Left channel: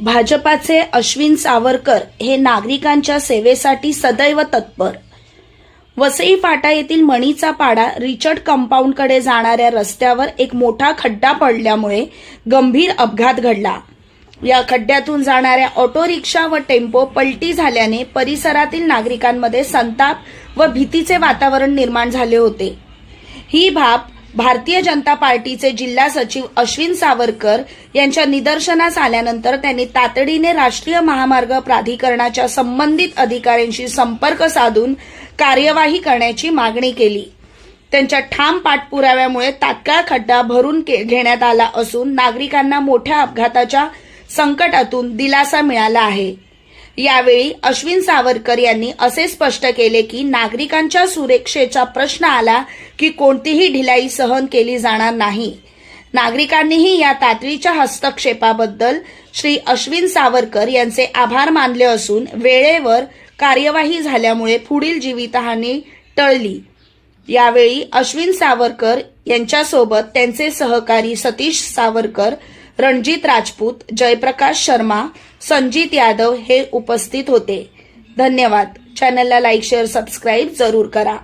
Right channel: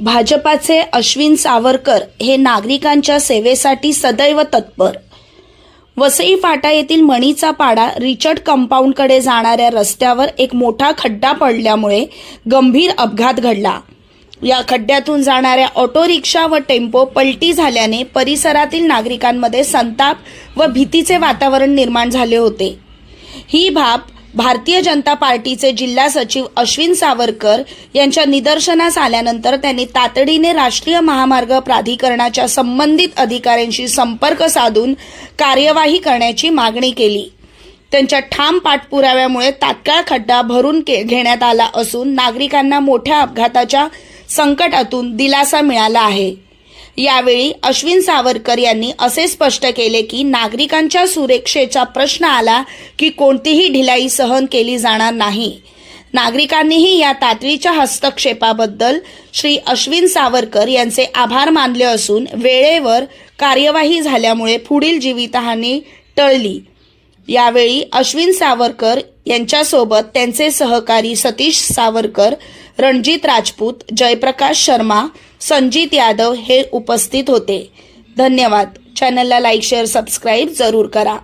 भाजपाचे अश्विन सावरकर हे नागरिकांच्या सेवेसाठी सदैव तत्पर। वसई फाटा येथील मणीचा पाडा रिचर्ड कंपाऊंडकडे जाणाऱ्या रस्त्यावर एक मोठा खड्डा पडल्यामुळे गंभीर अपघात घडला। या खड्ड्यातून जाणाऱ्या ऑटो रिक्षा व टेम्पो पलटी झाल्याने परिसरातील नागरिकांमध्ये संताप व भीतीचे वातावरण निर्माण झाले होते। ही बाब भारतीय जनता पार्टीचे जिल्हा सचिव अश्विन सावरकर यांच्या निदर्शनास आल्यानंतर त्यांनी तातडीने राष्ट्रीय महामार्ग प्राधिकरणाच्या संबंधित अधिकाऱ्यांशी संपर्क साधून कार्यवाही करण्याची मागणी केली। त्यांच्या ठाम पाठपुराव्यामुळे तात्काळ खड्डा भरून घेण्यात आला असून नागरिकांना मोठ्या अपघाताच्या संकटातून दिलासा मिळाला आहे। यावेळी अश्विन सावरकर यांनी असे स्पष्ट केले की नागरिकांच्या सुरक्षेचा प्रश्न आला की कोणतीही ढिलाई सहन केली जाणार नाही। नागरिकांनीही या तातडीच्या हस्तक्षेपाबद्दल श्री अश्विन सावरकर यांचे आभार मानले असून वेळेवर कार्यवाही झाल्यामुळे पुढील जीवितहानी टळली। यावेळी अश्विन सावरकर यांच्यासोबत त्यांचे सहकारी सतीश सावरकर, रणजित राजपूत, जयप्रकाश शर्मा, संजीत यादव हे उपस्थित होते। धन्यवाद। चॅनलला लाईक, शेअर, सबस्क्राईब जरूर करा।